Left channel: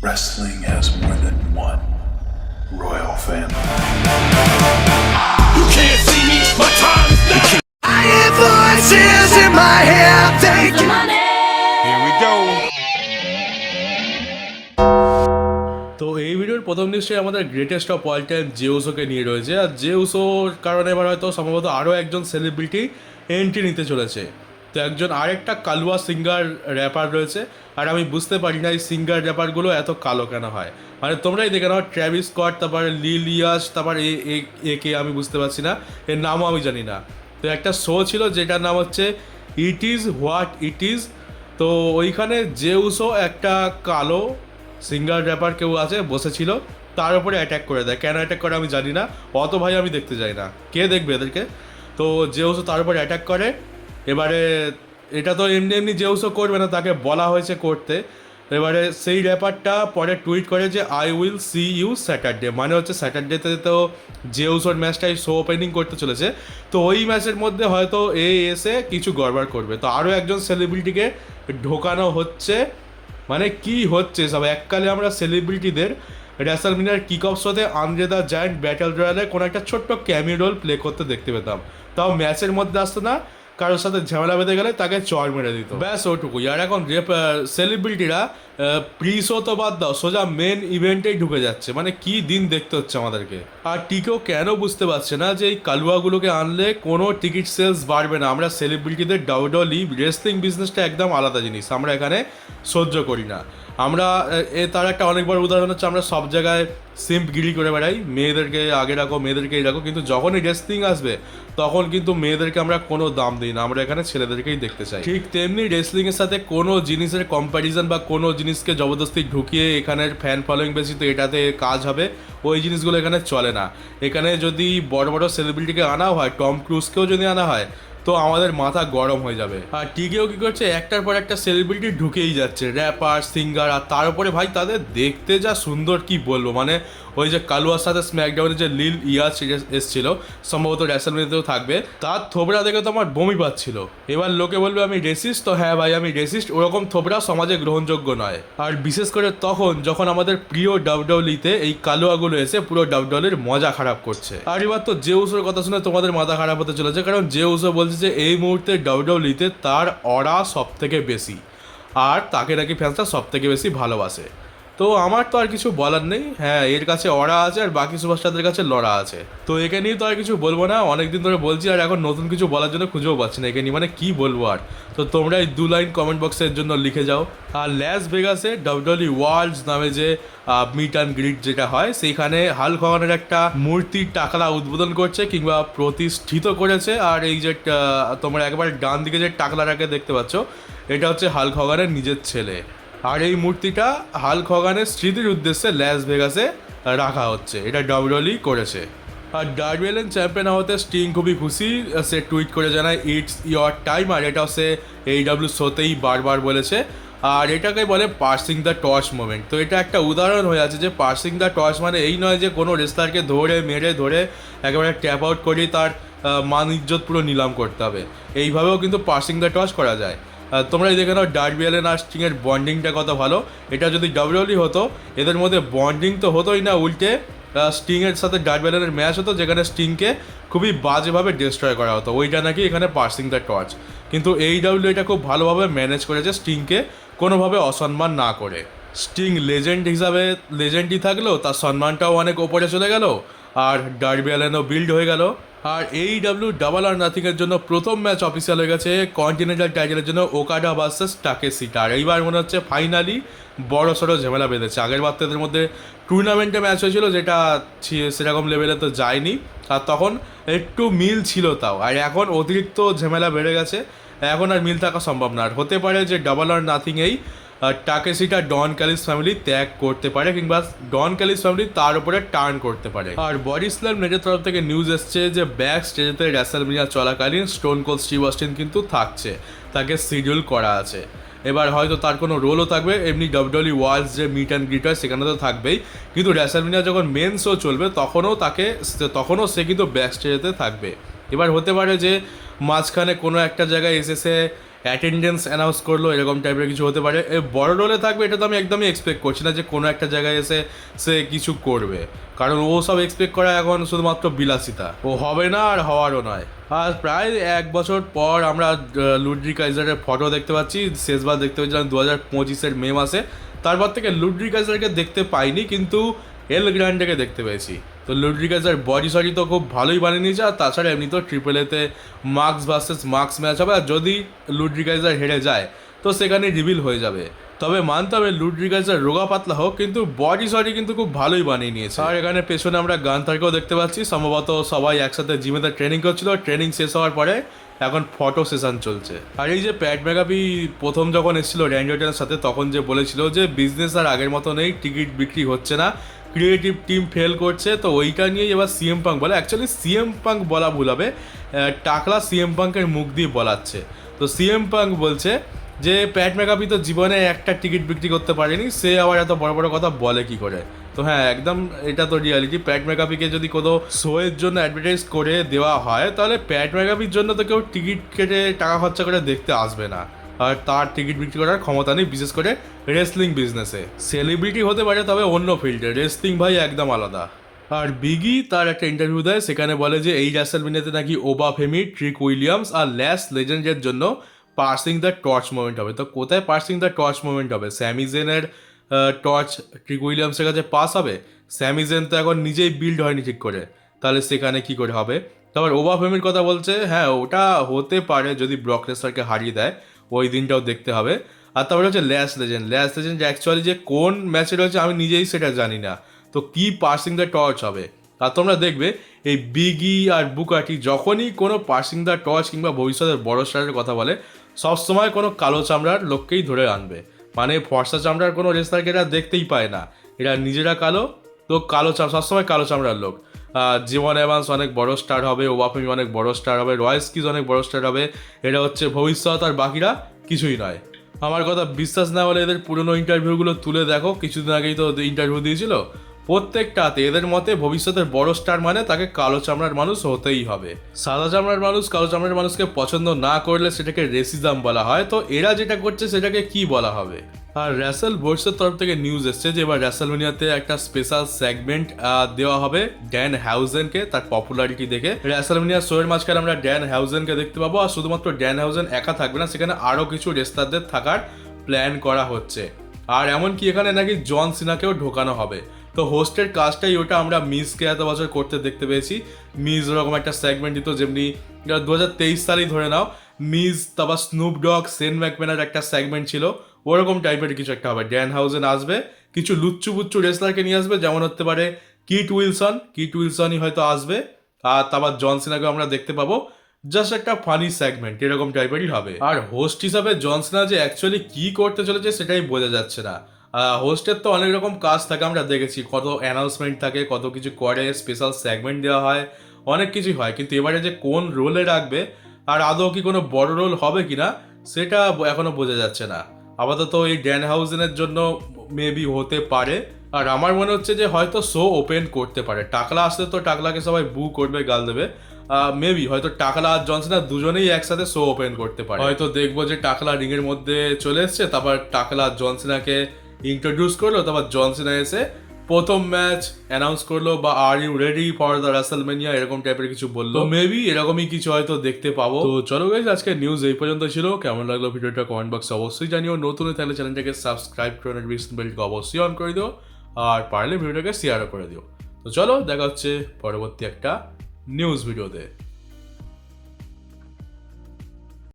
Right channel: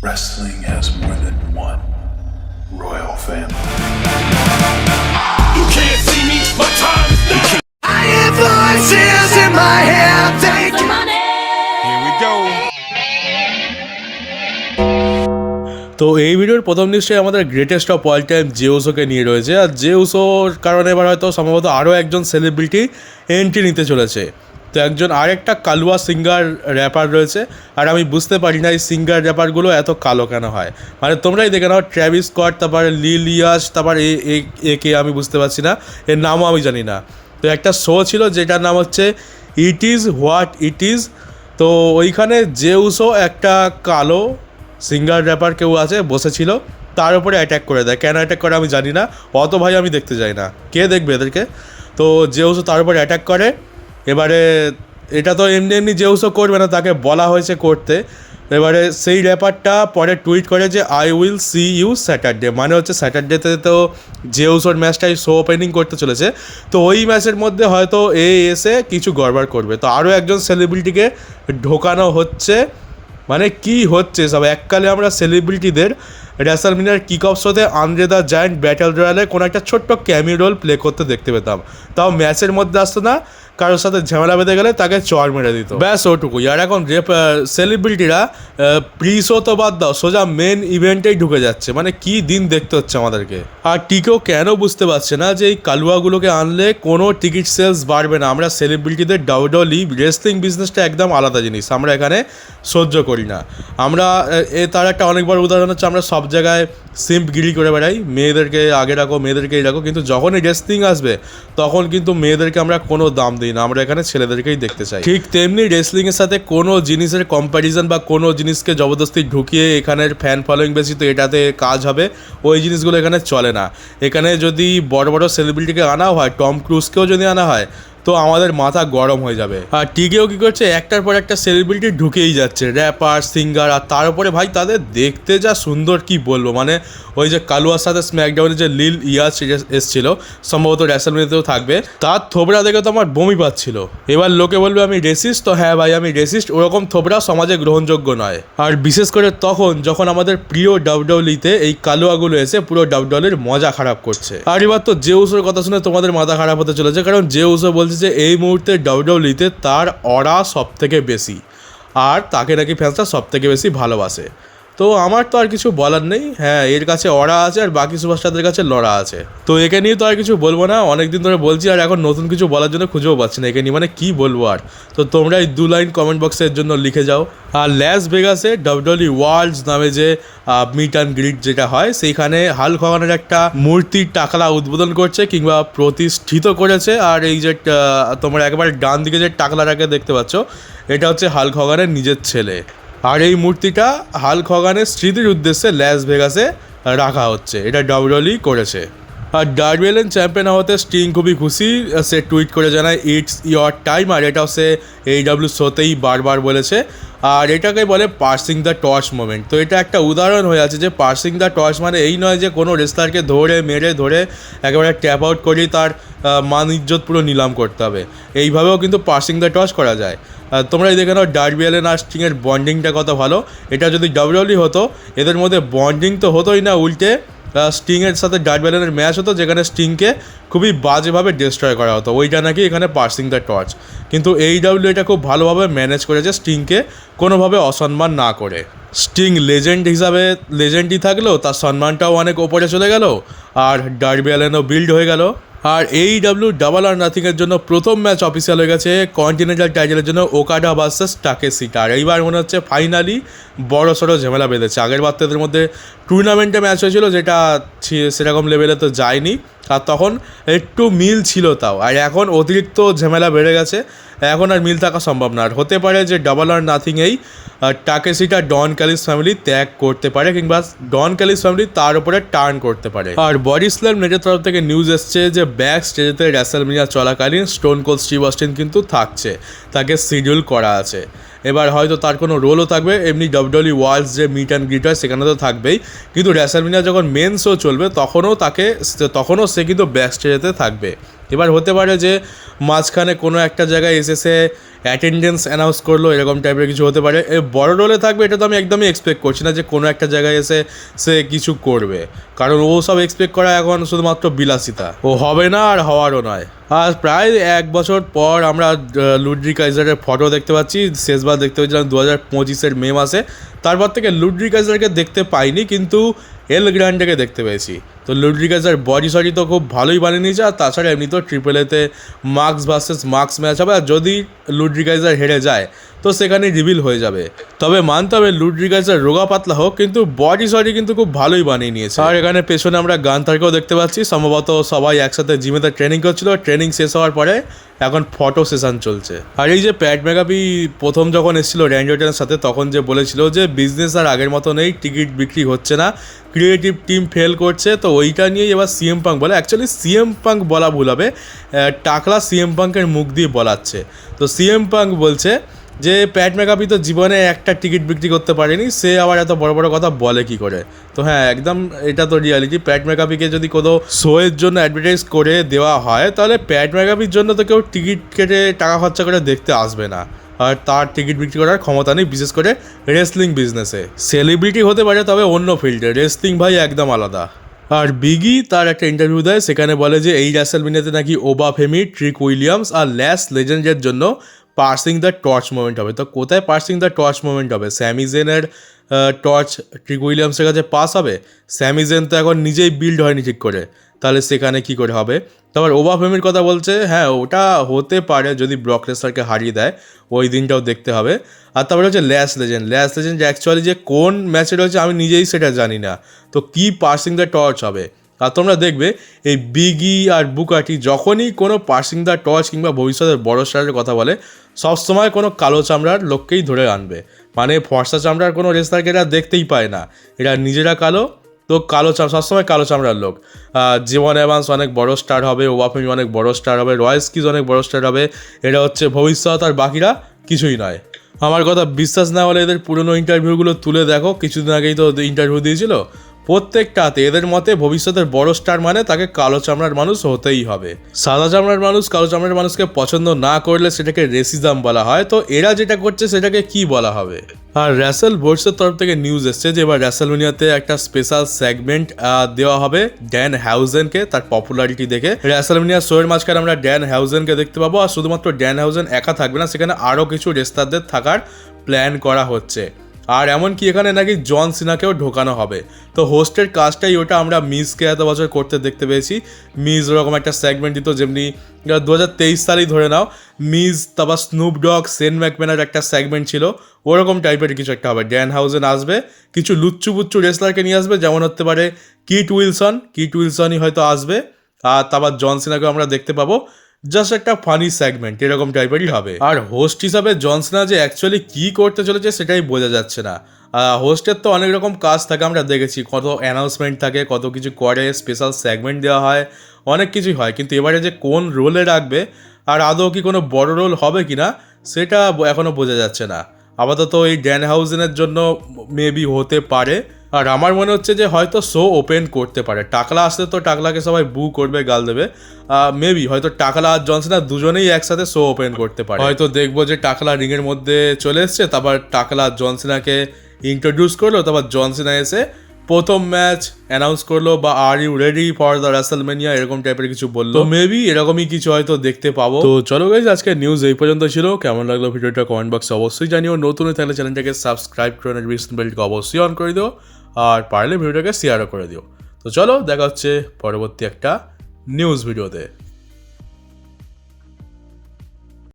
Wrestling has more than one royal family. You can't see me, my time is now. I hear voices in my head thinking. Here we go. তো এই ভিডিওর প্রথম নিশ্চয়ই আমাদের greatest of all time জেউসোকে নিয়ে রয়েছে। আর জেউসোর কারণে এবার হয়তো সম্ভবত আরও একজন সেলিব্রিটি এন্ট্রি নিতে চলেছে। তো একজন আরেকটা কালুয়া সিঙ্গার র্যাপার রয়েছে, আর আমি বুঝতে পারি না এই সিঙ্গার র্যাপারগুলো এত কালো কেন হয়। মানে তোমরাই দেখে নাও, ট্র্যাভিস স্কট, তারপর লিল ইয়াস, তারপর একে আমি বুঝতে পারছি না, এর নামও আমি জানি না। তো একটা শো ছিল যেটার নাম হচ্ছে it is what it is. তো ওইখানে জেউসো একটা কালো সিঙ্গার র্যাপার কেউ আছে বসেছিল, তার উপরে অ্যাটাক করে দেয়। কেন অ্যাটাক করে আমি জানি না, অত ভাই আমি দেখতে যাই না, কে দেখবে এদেরকে। তো জেউসো তার উপরে অ্যাটাক করে। এবারে এটা তো এমনি এমনি জেউসো করবে না, তাকে বলা হয়েছে করতে। এবারে সেই র্যাপারটা পরে টুইট করে যে I will see you Saturday, মানে হচ্ছে স্যাটারডেতে তো জেউসোর ম্যাচটাই শো ওপেনিং করতে চলেছে। তো ওই ম্যাচের মধ্যে হয়তো এসে কিছু গড়বড় করবে। তো আরও একজন সেলিব্রিটিকে ঢোকানো হচ্ছে। মানে কি হচ্ছে সব, এককালে আমরা সেলিব্রিটিদের রেসলম্যানিয়ার কিক অফ শোতে আন্দ্রে দ্য জায়ান্ট ব্যাটল রয়্যালে কোনো একটা ছোট্ট ক্যামিও রোল প্লে করতে দেখতে পেতাম, তাও ম্যাচের মধ্যে আসতো না, কারোর সাথে ঝামেলা বেঁধে গেলে তাকে চড় মেরে দিত, ব্যাস ওটুকুই। আর এখন সেলিব্রিটিরা প্রি শো তো বাদ দাও, সোজা মেন ইভেন্টেই ঢুকে যাচ্ছে। মানে কি দিন দেখতে হচ্ছে আমাদেরকে। আর টিকেও কেন বুঝতে পারছে না যে এই কালুয়াগুলোকে আনলে কোনো টিকিট সেলস বাড়বে না। আমরা সেলিব্রিটিদের ডাউডলি রেসলিং বিজনেসটা একদম আলাদা জিনিস, আমরা এখানে সহ্য করি না। আমরা তার একটা অনেক বড় উদাহরণ হচ্ছে, আমরা সব জায়গায় সিম্পগিরি করে বেড়াই, মেয়েদেরকে আগে রাখো, মেয়েদেরকে এই রাখো, কিন্তু যখনই রেসলিং আসবে তখন কিন্তু মেয়েদেরকে আমরা কোনো দাম দিই না, আমরা এখানে ছেলেদেরকেই দেখতে চাই। ঠিক তেমনি রেসলিংয়ের সাথে কোনো জিনিসের কম্প্যারিজন বা কোনো জিনিসকে জবরদস্তি ঢুকিয়ে এখানের ফ্যান ফলোয়িং বেশি তো এটাতে কাজ হবে, ওই জিনিসগুলো এখানে চলে না। এখানে যদি বড় বড় সেলিব্রিটিকে আনা হয়, টম ক্রুজকেও যদি আনা হয়, তো আমাদের মাথা গরম হয়ে যাবে। আর টিকেও কী করছে, একটার পর একটা সেলিব্রিটি ঢুকেই যাচ্ছে, র্যাপার, সিঙ্গার, আর তার উপরে ভাই তাদের দেখতে যা সুন্দর কি বলবো। মানে ওই যে কালুয়ার সাথে স্ম্যাকডাউনে যে লিল ইয়াস এসছিল, সম্ভবত রেসলম্যানিয়াতেও থাকবে, তার থোবড়া দেখে তো আমার বমি পাচ্ছিল। এবার লোকে বলবে আমি রেসিস্ট, তো হ্যাঁ ভাই আমি রেসিস্ট, ওরকম থোবড়া সমাজে গ্রহণযোগ্য নয়। আর বিশেষ করে তখন যখন আমাদের প্রিয় ডাব্লিউডব্লিউইতে এই কালুয়াগুলো এসে পুরো ডাব্লিউডব্লিউইর মজা খারাপ করছে। আর এবার তো জেউসোর কথা শুনে তোমাদের মাথা খারাপ হতে চলেছে, কারণ জেউসো বলছে যে এই মুহূর্তে ডাব্লিউডব্লিউইতে তার অরা সব থেকে বেশি, আর তাকে নাকি ফ্যান্সরা সব থেকে বেশি ভালোবাসে। তো আমার তো আর কিছু বলার নেই, হ্যাঁ এর কাছে অরা আছে আর বাকি সুপারস্টারদের কাছে লড়া আছে। তো একে নিয়ে তো আর কিছু বলবো না, অনেকদিন ধরে বলছি, আর এখন নতুন কিছু বলার জন্য খুঁজেও পাচ্ছি না একে নিয়ে, মানে কী বলবো আর। তো তোমরা এই 2 লাইন কমেন্ট বক্সের জন্য লিখে যাও। আর ল্যাস ভেগাসে ডাব্লিউডব্লিউই ওয়ার্ল্ডস নামে যে মিট অ্যান্ড গ্রিট যেটা হয়, সেইখানে হাল্ক হগানের একটা মূর্তির টাকলা উদ্বোধন করছে কিংবা প্রতিষ্ঠিত করেছে। আর এই যে তোমরা একেবারে ডান দিকে যে টাকলাটাকে দেখতে পাচ্ছ, এটা হচ্ছে হাল্ক হগানের নিজের ছেলে। আর এই মূর্তিটা হাল্ক হগানের স্মৃতির উদ্দেশ্যে ল্যাস ভেগাসে রাখা হচ্ছে, এটা ডাব্লিউডব্লিউই করেছে। আর ডার্বি অ্যালেন চ্যাম্পিয়ন হওয়াতে স্টিং খুবই খুশি, সে টুইট করে জানায় ইটস ইয়োর টাইম। আর এটাও সে AEW শোতেই বারবার বলেছে। আর এটাকে বলে পার্সিং দ্য টর্চ মোমেন্ট। তো এটা একটা উদাহরণ হয়ে আছে যে পার্সিং দ্য টর্চ মানে এই নয় যে কোনো রেসলারকে ধরে মেরে ধরে একেবারে ট্যাপ আউট করে তার মান ইজ্জত পুরো নিলাম করতে হবে, এইভাবেও কিন্তু পার্সিং দ্য টর্চ করা যায়। তোমরাই দেখে নাও ডার্বি অ্যালেন আর স্টিংয়ের বন্ডিংটা কত ভালো। এটা যদি ডাব্লিউডব্লিউই হতো, এদের মধ্যে বন্ডিং তো হতোই না, উল্টে স্টিংয়ের সাথে ডার্বি অ্যালেনের ম্যাচ হতো যেখানে স্টিংকে খুবই বাজেভাবে ডিস্ট্রয় করা হতো, ওইটা নাকি এখানে পার্সিং দ্য টর্চ। কিন্তু AEW এটা খুব ভালোভাবে ম্যানেজ করেছে স্টিংকে কোনোভাবে অসম্মান না করে। স্টিং লেজেন্ড হিসাবে লেজেন্ডই থাকলো, তার সম্মানটাও অনেক ওপরে চলে গেল, আর ডার্বি অ্যালেনও বিল্ড হয়ে গেল। আর AEW ডাবল আর নাথিংয়ের জন্য প্রথম ম্যাচ অফিসিয়াল হয়ে গেছে কন্টিনেন্টাল টাইটেলের জন্য ওকাডা ভার্সেস টাকেশিটা। আর এইবার মনে হচ্ছে ফাইনালি বড় সড়ো ঝামেলা বেঁধেছে। আগের বার এদের মধ্যে টুর্নামেন্টে ম্যাচ হয়েছিল, যেটা সেরকম লেভেলে তো যায়নি, আর তখন একটু মিল ছিল তাও। আর এখন অতিরিক্ত ঝামেলা বেড়ে গেছে, এখন আর মিল থাকা সম্ভব না। আর হতে পারে যে ডাবল আর নাথিংয়েই টাকেশিটা ডন ক্যালিস ফ্যামিলি ত্যাগ করতে পারে, কিংবা ডন ক্যালিস ফ্যামিলি তার উপরে টার্ন করতে পারে। আর বডি স্ল্যাম নেটের তরফ থেকে নিউজ এসছে যে ব্যাক স্টেজেতে রেসলম্যানিয়া চলাকালীন স্টোন কোল্ড স্টিভ অস্টিন কিন্তু থাকছে, তাকে শিডিউল করা আছে। এবার হয়তো তার কোনো রোলও থাকবে, এমনি ডাব্লিউডব্লিউই ওয়ার্ল্ডস যে মিট অ্যান্ড গ্রিট হয় সেখানে তো থাকবেই, কিন্তু রেসলম্যানিয়া যখন মেন শো চলবে তখনও সে কিন্তু ব্যাক স্টেজেতে থাকবে। এবার হতে পারে যে মাঝখানে কোনো একটা জায়গায় এসে অ্যাটেন্ডেন্স অ্যানাউন্স করলো, এরকম টাইপের কিছু হতে পারে। বড় রোলে থাকবে এটা তো আমি একদমই এক্সপেক্ট করছি না যে কোনো একটা জায়গায় এসে সে কিছু করবে, কারণ ও সব এক্সপেক্ট করা এখন শুধুমাত্র বিলাসিতা, ও হবে না আর হওয়ারও নয়। আর প্রায় 1 বছর পর আমরা লুড্রি কাইজারের ফটো দেখতে পাচ্ছি। শেষবার দেখতে পেয়েছিলাম 2025-এর মে মাসে, তারপর থেকে লুড্রি কাইজারকে দেখতে পাইনি, কিন্তু এল গ্র্যান্ডেকে দেখতে পেয়েছি। তো লুড্রি কাইজার বডি সডি তো খুব ভালোই বানিয়ে নিয়েছে, আর তাছাড়া এমনি তো ট্রিপল এতে মার্কস ভার্সেস মার্কস ম্যাচ হবে, আর যদি লুড্রি কাইজার হেরে যায় তো সেখানে রিভিল হয়ে যাবে। তবে মানতে হবে লুড্রি কাইজার রোগা পাতলা হোক, কিন্তু বডি সডি কিন্তু খুব ভালোই বানিয়ে নিয়েছে। আর এখানে পেছনে আমরা গান্থারকেও দেখতে পাচ্ছি, সম্ভবত সবাই একসাথে জিমেতে ট্রেনিং করছিল, ট্রেনিং শেষ হওয়ার পরে এখন ফটো সেশন চলছে। আর এই যে প্যাট ম্যাকাফি প্রথম যখন এসেছিল র্যান্ডি অর্টনের সাথে, তখন যে বলেছিল যে বিজনেস আর আগের মতো নেই, টিকিট বিক্রি হচ্ছে না, ক্রিয়েটিভ টিম ফেল করছে, তো ওইটা নিয়েই এবার সিএম পাঙ্ক বলে। অ্যাকচুয়ালি সিএম পাঙ্ক বলা ভুল হবে, টাকলা সিএম পাঙ্কের মুখ দিয়ে বলাচ্ছে। তো সিএম পাঙ্ক বলছে যে প্যাট ম্যাকাফি তো জীবনে একটা টিকিট বিক্রি করতে পারেনি, সে আবার এত বড় বড় কথা বলে কি করে। তো হ্যাঁ, একদম এটা তো রিয়ালিটি। প্যাট ম্যাকাফিকে যদি কোনো শোয়ের জন্য অ্যাডভার্টাইজ করে দেওয়া হয়, তাহলে প্যাট ম্যাকাফির জন্য তো কেউ টিকিট কেটে টাকা খরচা করে দেখতে আসবে না, আর তার টিকিট বিক্রি করার ক্ষমতা নেই, বিশেষ করে রেসলিং বিজনেসে। সেলিব্রিটি হতে পারে, তবে অন্য ফিল্ডে, রেসলিং ভাই একদম আলাদা। আর বিগি তার একটা ইন্টারভিউ দেয়, সেখানে বলে যে এই রেসলম্যানিয়াতে নাকি ওবা ফেমি, ট্রিক উইলিয়ামস আর ল্যাশ লেজেন্ডের জন্য পার্সিং দ্য টর্চ মোমেন্ট হবে। তো কোথায় পার্সিং দ্য টর্চ মোমেন্ট হবে? স্যামি জেনের টর্চ ট্রিক উইলিয়ামসের কাছে পাস হবে? স্যামি জেন তো এখন নিজেই বিল্ড হয়নি ঠিক করে, তাহলে সেখানে কি করে হবে? তারপর ওবা ফেমির কথা বলছে, হ্যাঁ ওটা হতে পারে যদি ব্রক লেসনারকে হারিয়ে দেয়, ওই দিনটাও দেখতে হবে। আর তারপরে হচ্ছে ল্যাশ লেজেন্ড অ্যাকচুয়ালি যে কোন ম্যাচে রয়েছে আমি নিজেই সেটা জানি না, তো কি পার্সিং দ্য টর্চ হবে? আর তোমরা দেখবে এই বিগি আর বুকাটি যখনই কোনো পার্সিং দ্য টর্চ কিংবা ভবিষ্যতের বড় স্টারের কথা বলে, সবসময় কোনো কালো চামড়ার লোককেই ধরে আনবে। মানে ফর্সা চামড়ার কোনো রেসলারকে এরা দেখতেই পায় না, এরা নিজেরা কালো, তো সবসময় কালো চামড়ার লোক। জীবন এভান্স অনেক বড় স্টার হবে, ওবাফেমি অনেক বড় স্টার হবে, রয়েস কিজ অনেক বড় স্টার হবে, এরা হচ্ছে ভবিষ্যৎ, আর বাকিরা কিছুই নয়। আমার কথা বিশ্বাস না হলে এদের পুরনো ইন্টারভিউগুলো তুলে দেখো, কিছুদিন আগেই তো ইন্টারভিউ দিয়েছিল, প্রত্যেকটাতে এদের মতে ভবিষ্যতের বড় স্টার মানে তাকে কালো চামড়ার মানুষ হতেই হবে। সাদা চামড়ার মানুষ কালো চামড়ার মানুষকে পছন্দ না করলে সেটাকে রেসিজম বলা হয়, তো এরা যেটা করছে সেটাকে কি বলা হবে? আর র্যাসেল বোর্ডসের তরফ থেকে নিউজ এসছে যে এবার র্যাসেলমেনিয়াতে একটা স্পেশাল সেগমেন্ট দেওয়া হবে ড্যান হ্যাউজেনকে, তার পপুলারিটি দেখে। র্যাসেলমেনিয়া শোয়ের মাঝখানে আমরা ড্যান হ্যাউজেনকে দেখতে পাবো, আর শুধুমাত্র ড্যান হ্যাউজেন একা থাকবে না, সেখানে আরও কিছু রেসলারদের থাকার প্ল্যান করা হচ্ছে। আর এমনকি এখানে নাকি জন সিনাকেও ঢোকানো হবে। তো হোস্টের কাজটাই ওটা, আমরা মিজকে এত বছর করতে দেখতে পেয়েছি। মিজ ওরকম একটা সেগমেন্ট দিত, যেমনি 2023 সালেই ধরে নাও, মিজ, তারপর স্নুপ ডগ, সেন ম্যাকম্যানের একটা সেগমেন্ট ছিল, ওরকম টাইপের কিছু একটা হবে। ড্যান হাউজেন আসবে, কিছু লুচ্চু বুচ্চু রেসলারকে নিয়ে আসবে, যেমন হতে পারে কিট উইলসনই হয়তো আসবে, আর তারপর জন সিনাকেও আমরা দেখতে পাবো। জাস্ট একটা ফানি সেগমেন্ট এরকম টাইপেরই হবে। আর হোস্ট হিসাবে জন সিনা যে অ্যাকচুয়ালি কী করতে চলেছে সেটাই বোঝা যাচ্ছে না। হোস্টের তো অনেক রকম কাজ থাকে, আমরা দেখেছি কত অ্যানাউন্সমেন্ট থাকে, কত কিছু করে, স্পেশাল সেগমেন্ট দেওয়া হয়, অনেক কিছুই হয়, কিন্তু এবারে যে কোন রোলে রাখবে আর আদৌ কি কোনো বড় রোল হবে কি না সেটা এখনও বোঝা যাচ্ছে না। আপাতত এই ড্যান হাউজেনের জন্য মেবি হতে পারে। আর আমার মনে হচ্ছে যে হয়তো শো ওপেন করতে পারে। টাকলা আসলে তো টাকলাকে সবাই বু করবে, গাল দেবে, মেবি হয়তো টাকলা আর জনসিনা দুজনেই একসাথে শো ওপেন করতে পারে। হয়তো দেখবো যে টাকলা রিংয়ের মধ্যে চলে এসছে, তারপর টাকলা জনসিনাকে ইন্ট্রোডিউস করলো, তারপর জনসিনা এসে প্রথম ম্যাচ অ্যানাউন্স করলো, বা are you ready for the WrestleMania এরকম টাইপের কিছু বললো, মেবি এরকমই কিছু হয়তো দেখতে পাবো। তো চলো গাইজ, আজকে নিউজ এই পর্যন্ত ছিল। কেমন লাগলো ভিডিওটা কমেন্ট বক্সে অবশ্যই জানিও। নতুন তাহলে চ্যানেলটাকে সাবস্ক্রাইব করে নোটিফিকেশন বেলটাকে অবশ্যই অন করে দিও, আর পারলে ভিডিওটাকে শেয়ারও করে দিও। তো চলো, দেখা হচ্ছে পরবর্তী একটা নিউজ ভিডিওতে।